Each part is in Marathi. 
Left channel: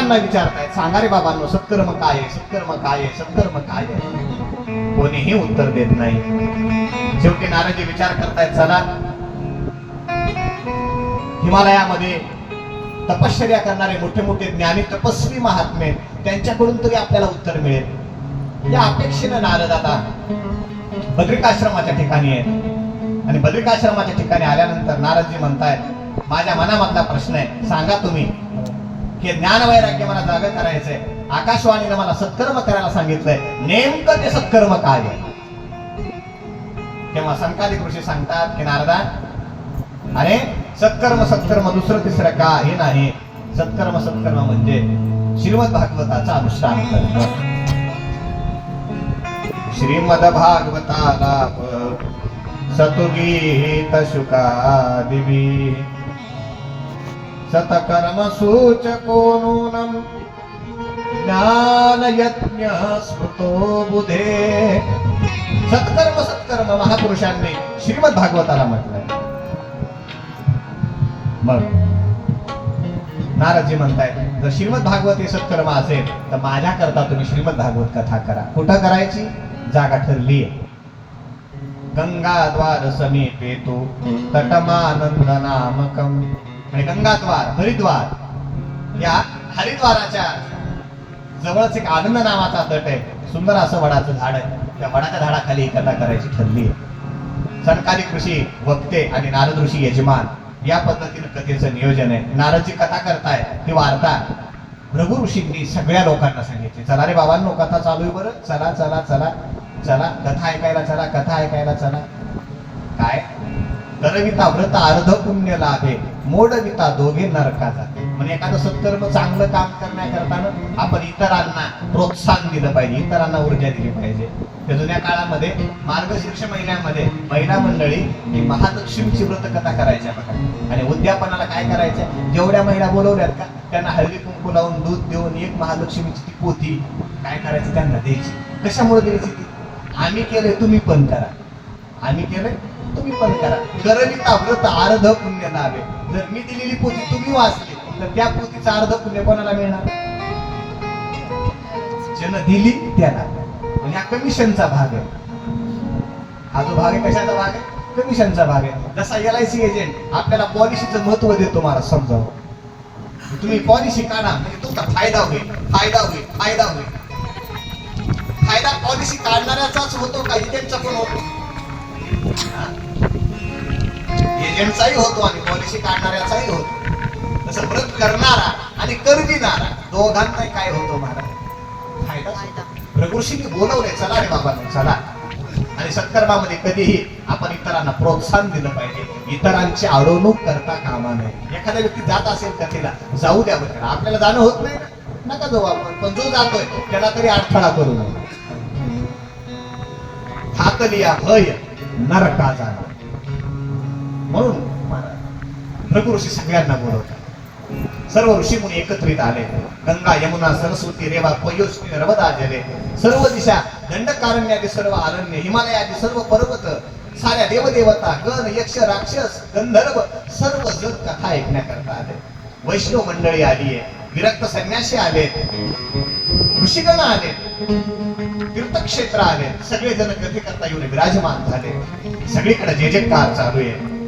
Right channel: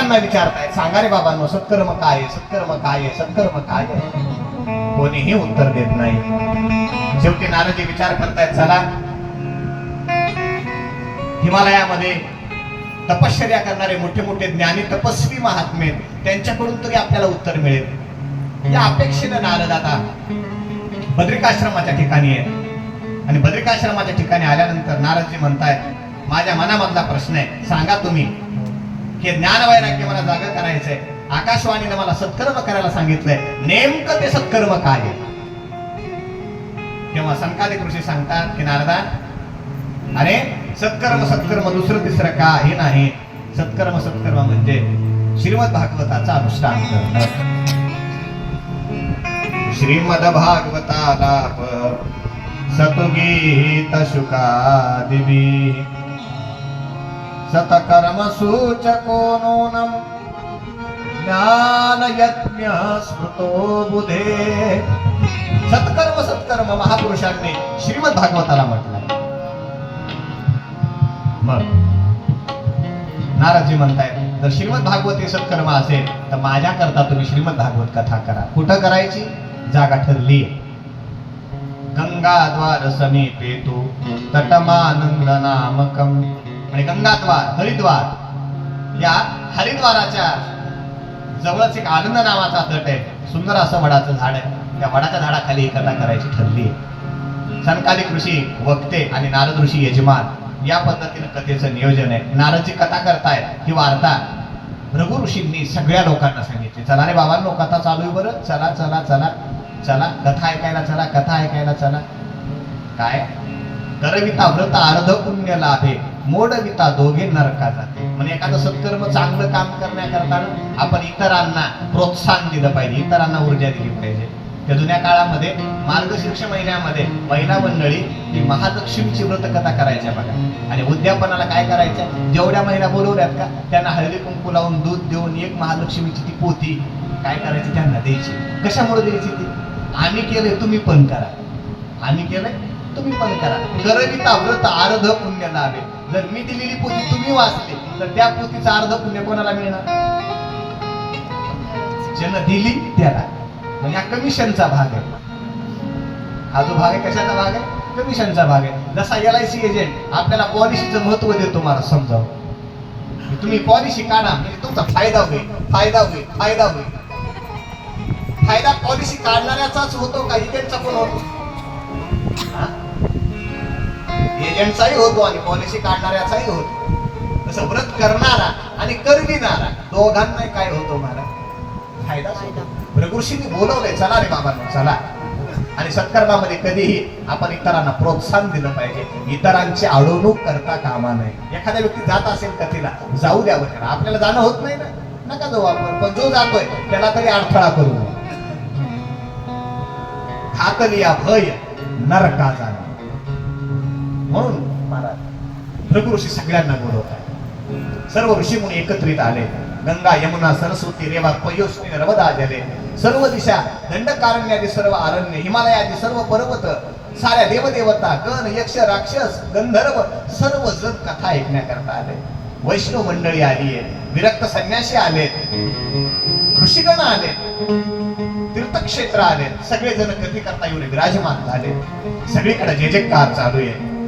त्यांना विचारताय सांगा रे बाबांनो सत्कर्म काय सत्कर्म काय सत्कर्म काय कोणीही उत्तर देत नाही. शेवटी नानाजी विचार करतायत चला हिमालयामध्ये तपश्चर्या करणारे मोठे मोठे ज्ञानी तपस्वी महात्मे त्यांच्याकडून तरी आपल्याला उत्तर मिळेल. या अपेक्षेनं नारद आता बद्रिकाश्रमाच्या ठिकाणी आहे आणि बद्रिकाश्रमाच्या ठिकाणी आल्यानंतर नारदजी म्हणताय माझ्या मनामधला प्रश्न आहे सांगा तुम्ही हे ज्ञान वैराग्य मला जाग करायचंय. आकाशवाणीने मला सत्कर्म करायला सांगितलंय. नेमकं ते सत्कर्म काय तेव्हा संकालिक ऋषी सांगतात की नारदा अरे सत्कर्म सत्कर्म दुसरं तिसरं काही नाही. सत्कर्म सत्कर्म म्हणजे श्रीमद भागवताचा अनुष्ठान श्रीमद भागवताला सतुगीत शुकादिवी सतकर्म सूचको ज्ञान स्मृतो बुधे सत्कर्म सत्कर्म महापुरुषांनी श्रीमद भागवताला म्हटलं मग नाराजी म्हणताय जर श्रीमद भागवत हे सत्कर्म असेल तर माझ्या करता तुम्ही श्रीमद भागवत कथा करा. कुठं करायची? जागा ठरली गंगाद्वार समीपे तू तटमानंद नामकम आणि गंगाद्वार हरिद्वार या हरिद्वाराच्या जवळच एक आनंद नावाचा तट आहे. सुंदर असं वडाचं झाड आहे. त्या वडाच्या झाडाखाली कथा करायची ठरली आहे. सनकालिक ऋषी वक्ते आणि नारद ऋषी यजमान या पद्धतीनं कथेचं नियोजन आहे. नारदची कथा करताय ही वार्ता भृगु ऋषींनी सगळ्या लोकांना सांगितली. चला रे बाबांनो कथा चालू आहे बरं. चला चला चला. चला कथा ऐकायला चला कथा ऐकायला चला. काय? करविता व्रत अर्ध पुण्य लाभे मोडविता दोघे नरका जाते. म्हणजे एखादं सत्कर्म चांगलं काम करण्याकरता आपण इतरांना प्रोत्साहन दिलं पाहिजे इतरांना ऊर्जा दिली पाहिजे. त्या जुन्या काळामध्ये मार्गशीर्ष महिन्यामध्ये महिला मंडळी ही महालक्ष्मीची व्रत कथा करायच्या बघा. आणि उद्यापनाला काय करायचं? जेवढ्या महिला बोलवल्यात का त्यांना हळदी कुंकू लावून दूध देऊन एक महालक्ष्मीची ती पोती काय करायची? त्यांना द्यायची. कशामुळे द्यायची ती? आम्ही केलंय तुम्ही पण करा. आम्ही केलंय? तुम्ही पण करा. करविता व्रत अर्ध पुण्य लाभे जर मी दिलेली पोथी तुम्ही वाचली तर त्या पोथीचा अर्ध पुण्य कोणाला मिळणार? ज्यानं दिली त्याला. आणि हा कमिशनचा भाग आहे. हा जो भाग आहे कशाचा भाग आहे? कमिशनचा भाग आहे. जसा एल आय सी एजंट आपल्याला पॉलिसीचं महत्त्व देतो मला समजावं तुम्ही पॉलिसी काढा म्हणजे तुमचा फायदा होईल फायदा होईल फायदा होईल. फायदा पॉलिसी काढणाऱ्याचाच होतो का त्यांचा पण होतो? एजंटचाही होतो आणि पॉलिसी काढणाऱ्याचाही होतो. तसं व्रत करणारा आणि कर देणारा दोघांना काय होतो महाराज फायदा. ऋषीने बोलवले चला रे बाबा चला. आणि सत्कर्मामध्ये कधीही आपण इतरांना प्रोत्साहन दिलं पाहिजे. इतरांची अडवणूक करता कामा नाही एखाद्या व्यक्ती जात असेल कथेला जाऊ द्या बरं. आपल्याला जाणं होत नाही ना. नका जाऊ आपण. पण जो जातोय त्याला तरी अडथळा करू नये. हाकलिया भय नरका जाणं म्हणून महाराज भृगु ऋषी सगळ्यांना बोलवतात. सर्व ऋषी मुनी एकत्रित आले. गंगा यमुना सरस्वती रेवा पयोष्णी नर्मदा जले सर्व दिशा दंडकारण्यादी सर्व आरण्य हिमालयादी सर्व पर्वत साऱ्या देवदेवता गण यक्ष राक्षस गंधर्व सर्व जग कथा ऐकण्याकरता आले. वैष्णव मंडळी आली आहे. विरक्त संन्यासी आले. ऋषिगण आले. तीर्थक्षेत्र आले. सगळे जण कथेकरता येऊन विराजमान झाले. सगळीकडे जे जे कार चालू आहे.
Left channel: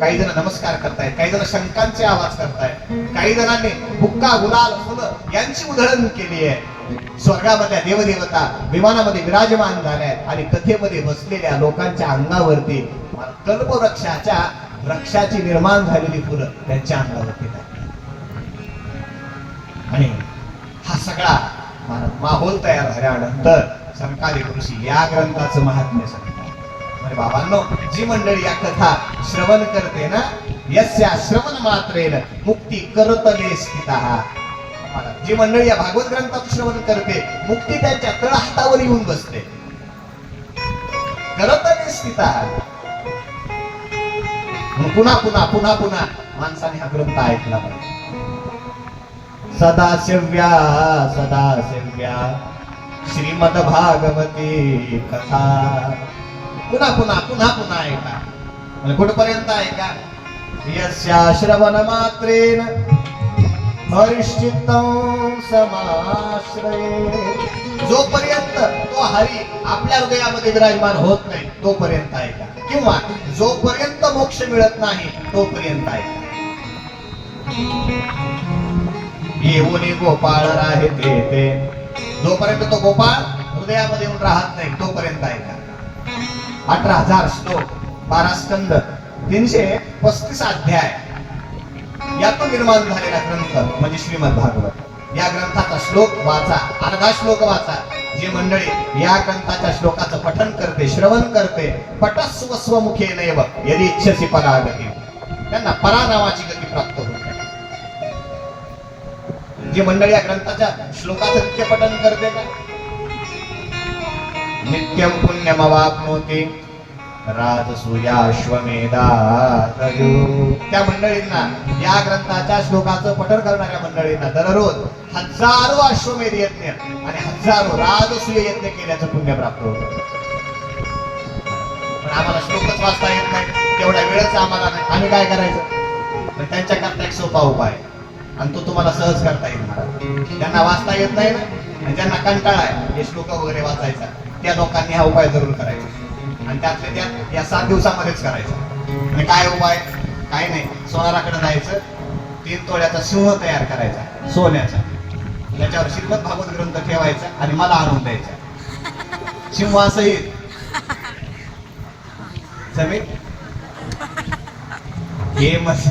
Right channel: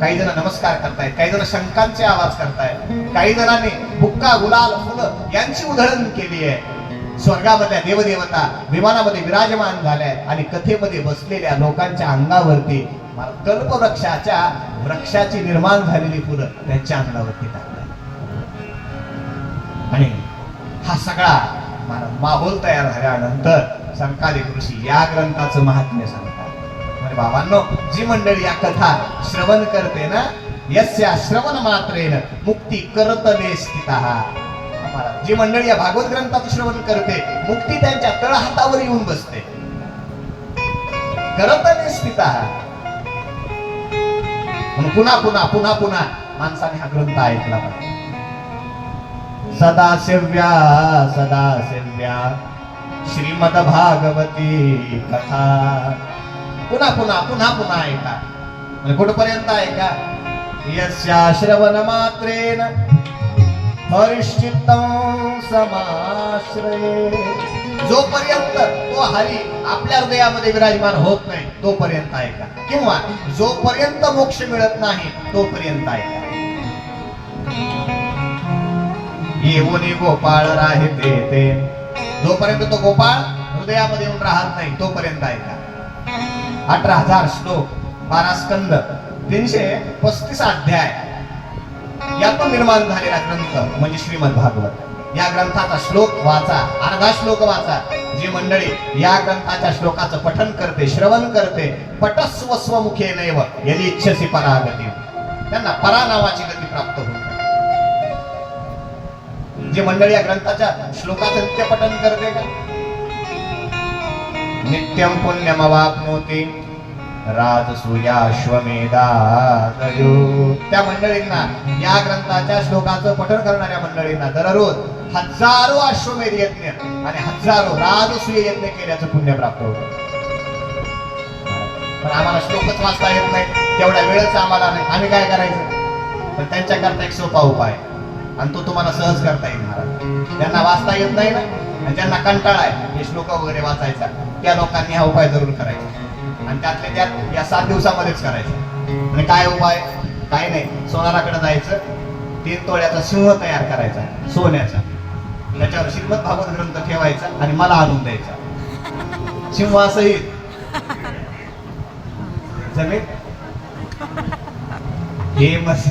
काही जण नमस्कार करतायत काही जण शंकांचे आवाज करतायत काही जणांनी बुक्का गुलाल फुलं यांची उधळण केली आहे. स्वर्गामधल्या देवदेवता विमानामध्ये विराजमान झाल्या आणि कथेमध्ये बसलेल्या लोकांच्या अंगावरती कल्पवृक्षाच्या वृक्षाची निर्माण झालेली फुलं त्यांच्या अंगावरती टाकतात. आणि हा सगळा माहोल तयार झाल्यानंतर संकालिक ऋषी या ग्रंथाचं महात्म्य सांग बाबांनो जी मंडळी या कथा श्रवण करते ना यस्या श्रवण मात्रेन मुक्ती करतले स्थित. जी मंडळी या भागवत ग्रंथात श्रवण करते मुक्ती त्यांच्या तळ हातावर येऊन बसते. करतले स्थित. पुन्हा पुन्हा पुन्हा पुन्हा माणसाने हा ग्रंथ ऐकला पाहिजे. सदा सेव्या सदा सेव्या श्रीमद भागवती कथा. पुन्हा पुन्हा पुन्हा पुन्हा ऐका म्हणजे कुठपर्यंत ऐका यस्या श्रवण मात्रेन हरिश्चित्तं समाश्रये जोपर्यंत तो हरी आपल्या हृदयामध्ये विराजमान होत नाही तोपर्यंत ऐका किंवा जोपर्यंत मोक्ष मिळत नाही तोपर्यंत ऐका येऊन गोपाळ राहते जोपर्यंत तो गोपाळ हृदयामध्ये येऊन राहत नाही तोपर्यंत ऐका अठरा हजार श्लोक बारा स्कंद तीनशे पस्तीस अध्याय. यातून निर्माण झालेला ग्रंथ म्हणजे श्रीमद भागवत. या ग्रंथाचा श्लोक वाचा अर्धा श्लोक वाचा. जी मंडळी या ग्रंथाच्या श्लोकाचं पठन करते श्रवण करते पटस्व स्वमुखे नैव यदि इच्छसी परागती. त्यांना परा नावाची गती प्राप्त होते जी मंडळी या ग्रंथाच्या श्लोकाचं नित्य पठन करते का? नित्यं पुण्यमवाप्नोति राजसूयाश्वमेधा त्या मंडळींना या ग्रंथाच्या श्लोकाचं पठण करणाऱ्या मंडळींना दररोज हजारो अश्वमेध यज्ञ आणि हजारो राजसूय यज्ञ केल्याचं पुण्य प्राप्त होतं. पण आम्हाला श्लोकच वाचता येत नाही. तेवढ्या वेळच आम्हाला नाही. आम्ही काय करायचं? पण त्यांच्याकरता एक सोपा उपाय. आणि तो तुम्हाला सहज करता येईल महाराज. त्यांना वाचता येत नाही ना आणि ज्यांना कंटाळा आहे हे श्लोक वगैरे वाचायचा त्या लोकांनी हा उपाय जरूर करायचा. आणि त्यातल्या त्यात या सात दिवसामध्येच करायचं. आणि काय उपाय काय नाही. सोनाराकडे जायचं तीन तोळ्याचा सिंह तयार करायचा सोन्याचा. त्याच्यावर श्रीमद भागवत ग्रंथ ठेवायचा आणि मला आणून द्यायचा. सिंहासहित जमीन हे मस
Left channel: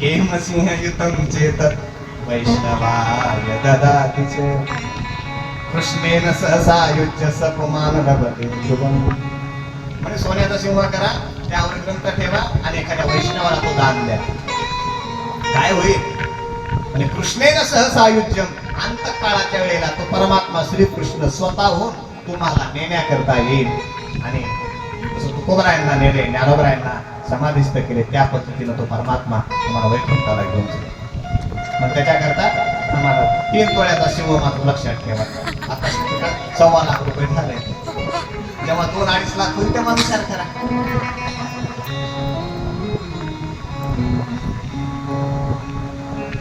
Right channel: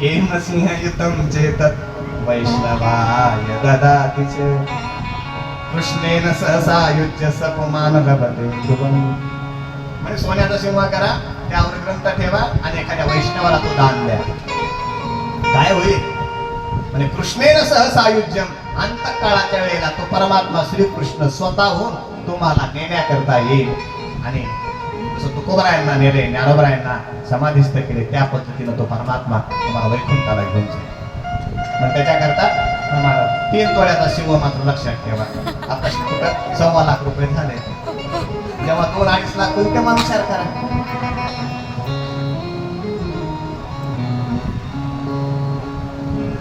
हे मसिंह युतम चेत वैष्णवाय ददातीच कृष्णेन सहसा युज्य सपमान म्हणजे सोन्याचा शिवा करा त्यावर ग्रंथ ठेवा आणि एखाद्या वैष्णवाला तो दान द्या. काय होईल? म्हणजे कृष्णेन सहसायुज्य अंतकाळाच्या वेळेला तो परमात्मा श्रीकृष्ण स्वतःहून तुम्हाला नेण्याकरता येईल. आणि जसं तुकोबरायांना नेले ज्ञानोबरायांना समाधिस्थ केले त्या पद्धतीनं तो परमात्मा तुम्हाला वैकुंठाला घेऊन जाईल. मग त्याच्याकरता तुम्हाला तीन तोळ्याचा शिव मात्र लक्षात ठेवा. आता कुठं सव्वा लाख रुपये झाले. जेव्हा दोन अडीच लाख होईल तेव्हा विचार करा.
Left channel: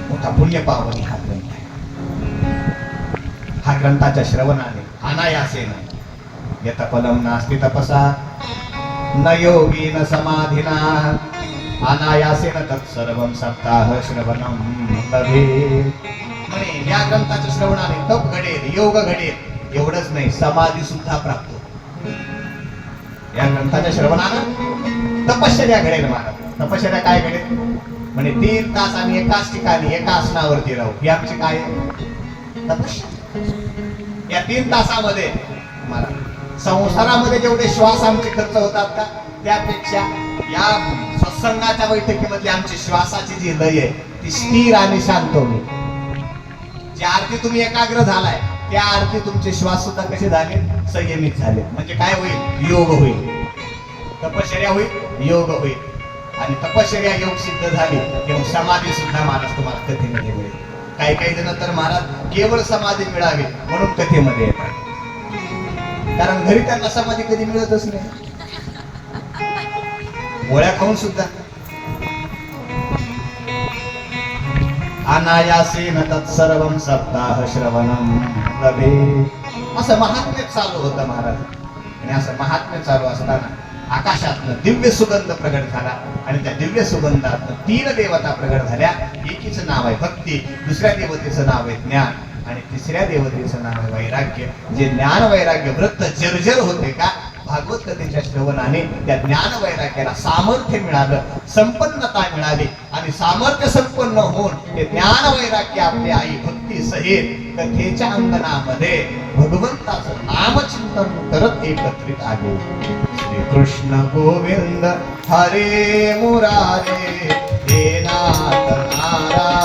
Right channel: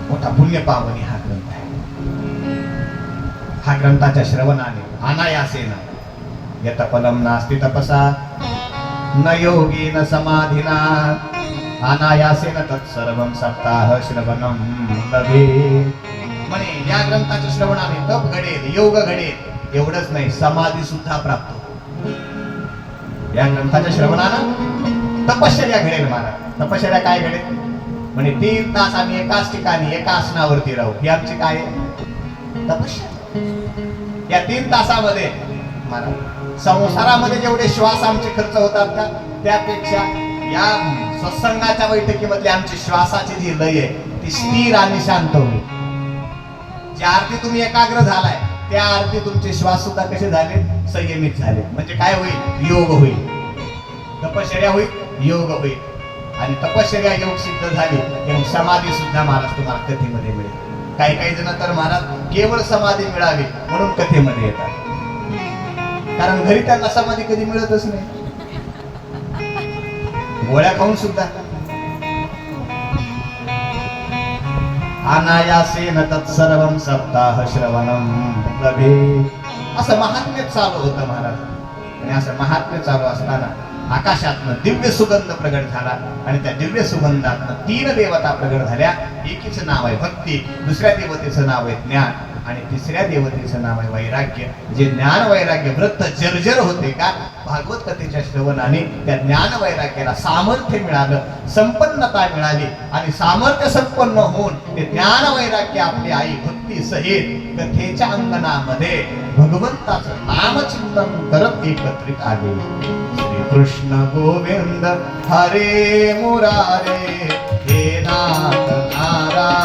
मोठा पुण्य पावनी हा ग्रंथ आहे. हा ग्रंथाच्या श्रवणाने अनायासेन यतपलम नास्ति तपसा न योगी न समाधिना अनायासेन तत्सर्व सप्ताह श्रवणं लभे म्हणे या ग्रंथाच्या श्रवणाने तप घडेल योग घडेल एवढंच नाही समाधी सुद्धा प्राप्त या ग्रंथाच्या श्रवणानं तपश्चर्या घडेल महाराज. तपश्चर्या काय घडेल? म्हणजे तीन तास आम्ही एकाच ठिकाणी एका आसनावरती राहू. ही आमची काय? आहे? तपश्चर्या. या तीन तासामध्ये महाराज संसारामध्ये जेवढे श्वास आमचे खर्च होतात का त्यापेक्षा या सत्संगाच्या बैठकीमध्ये आमची श्वासाची जी लय आहे ती स्थिर आणि शांत होईल. ज्या आरती तुम्ही एकाग्र झालाय त्या आरती तुमचे श्वास सुद्धा कसे झाले? संयमित झाले. म्हणजे काय होईल? योग होईल. तपश्चर्या होईल योग होईल. आणि तपश्चर्या योग सिद्ध झाली तेव्हा समाधी सुद्धा महाराज तुम्हाला कथेमध्ये मिळेल. काही काही जण तर महाराज केवळ समाधी मिळावी म्हणून कथेमध्ये येतात. कारण घरी त्यांना समाधी कधी मिळतच नाही. गोळ्या खाऊन सुद्धा अनायासेन तत्सर्वं सप्ताह श्रवणं लभे. असं महात्म्य चालू होतं महाराज. आणि असं महात्म्य चालू असताना आकाशातनं दिव्य सुगंध प्रगट झाला. आणि त्या दिव्य सुगंधातनं तीन देवता प्रगट झाल्या. एकीच नाव आहे भक्ती दुसऱ्या देवतेचं नाव आहे ज्ञान. आणि तिसऱ्या देवतेचं नाव आहे वैराग्य. जे ज्ञान वैराग्य वृत्त जर्जर होते का भागवत कथेच्या श्रवणाने त्या ज्ञान वैराग्याला सामर्थ्य मिळालं संपन्नता मिळाली आणि सामर्थ्य संपन्न होऊन ते ज्ञान वैराग्य आपली आई भक्ती सहित कथेच्या अंगणामध्ये भगवंताचं नामचिंतन करत एकत्रित आले. श्री कृष्ण गोविंद हरे मुरारे हे नाथ नारायण.